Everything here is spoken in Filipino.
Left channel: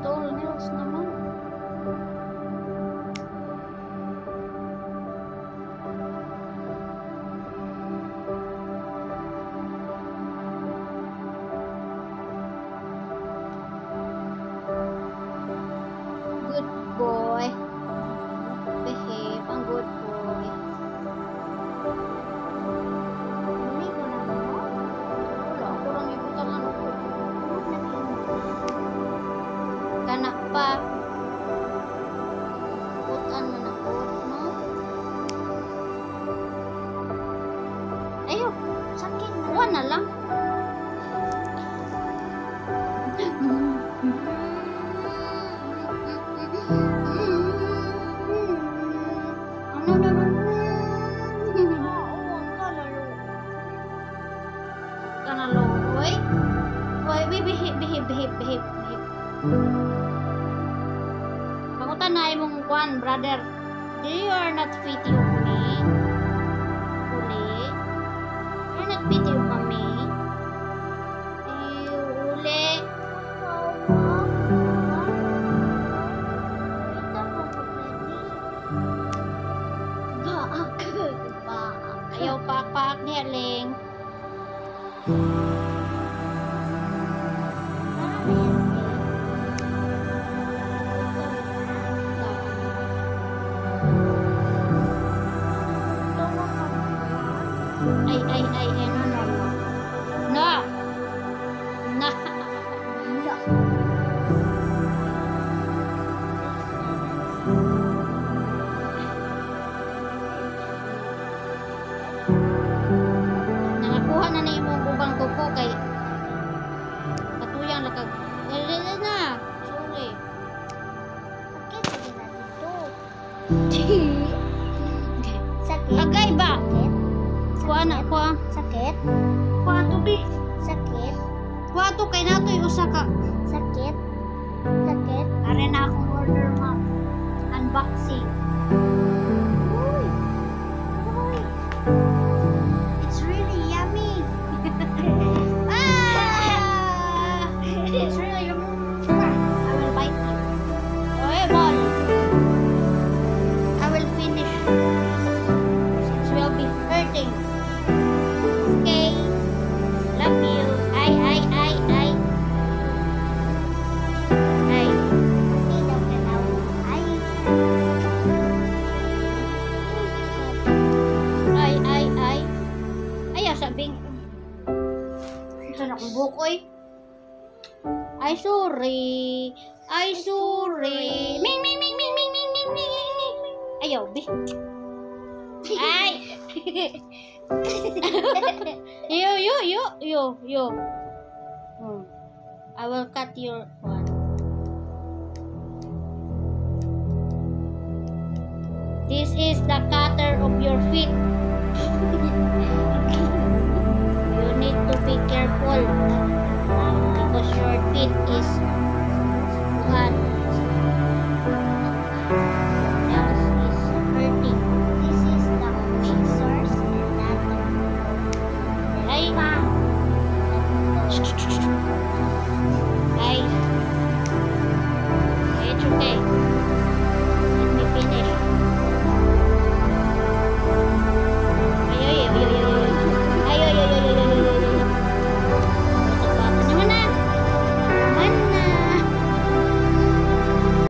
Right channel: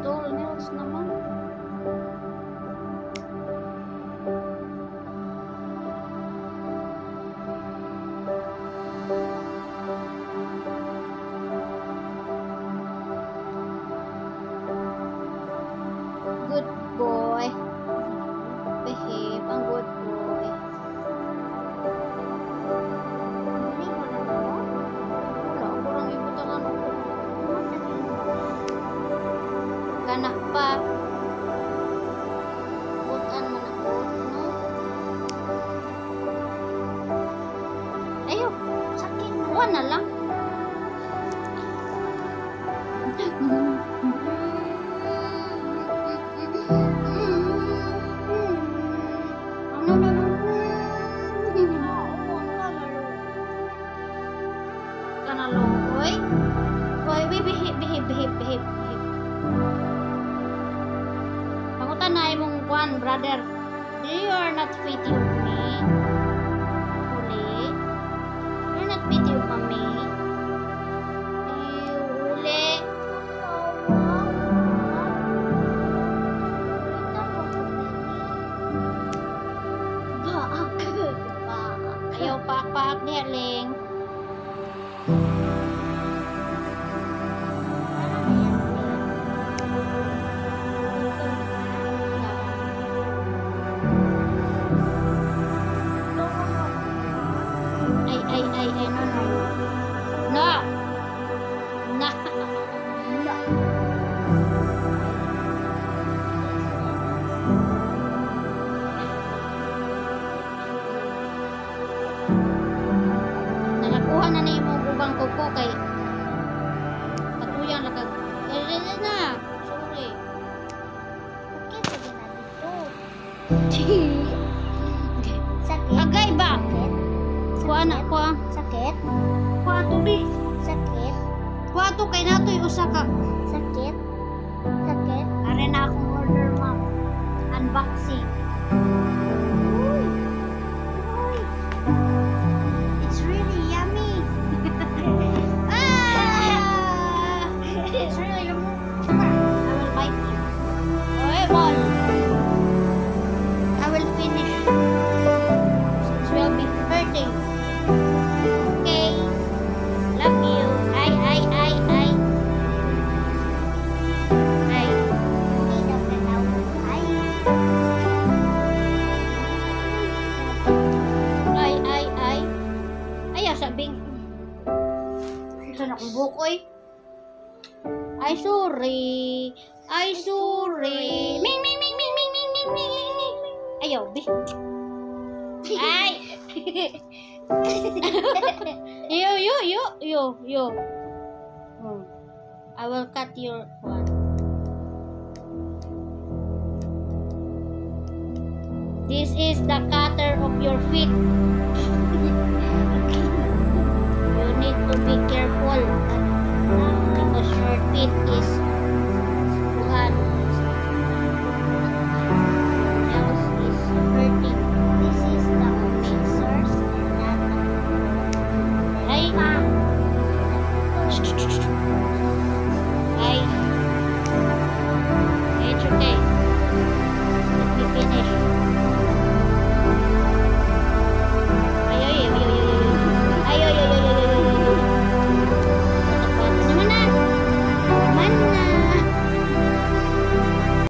toenails naman. Good boy. Behave. Ang good boy. Ligo na mo? Wala. Ako lang ibutangan ako. Nag-init. Kanak pa. Butan man ako, no? Ayo. Sakit na. Kuha na lang. Ano na lang? Oo, kalalo. Kanalo, oy. Oy, behave. Pangutan na imong kuan, brother. You are not pity of me. Uli. You are not pity of me. Uli. Ayaw paak-paak niya, Ling. Ay, no. No! Nangakuha na na imong ubang kuko kay patuyang lakag. Na! Sorry. Sakit lagi na dito. Sakit. Agay ba? Sakit. Kuha na, kuha. Sakit. Kuha to, bi. Sakit. Kuha to, kay nato'y usa ka. Sakit. Sakit. Are na akong order, ma'am. Unboxing. Uy. It's really yummy. Ah! It's really yummy. I will bite you. Oy, ball. I will finish. It will be hurting. Okay. Love you. Ay. Hindi daw kanaw. Ay. Ay. Ayaw sabing. Ito na kong bukoy. Ay, sorry. Ming. Ayaw, bi. Ay. Yo. I will cut your one. This is the cutter of your feet. You need to be careful because your feet is buhan. Nails is hurting. This is the mixers and that the Ay. Ay. It's okay.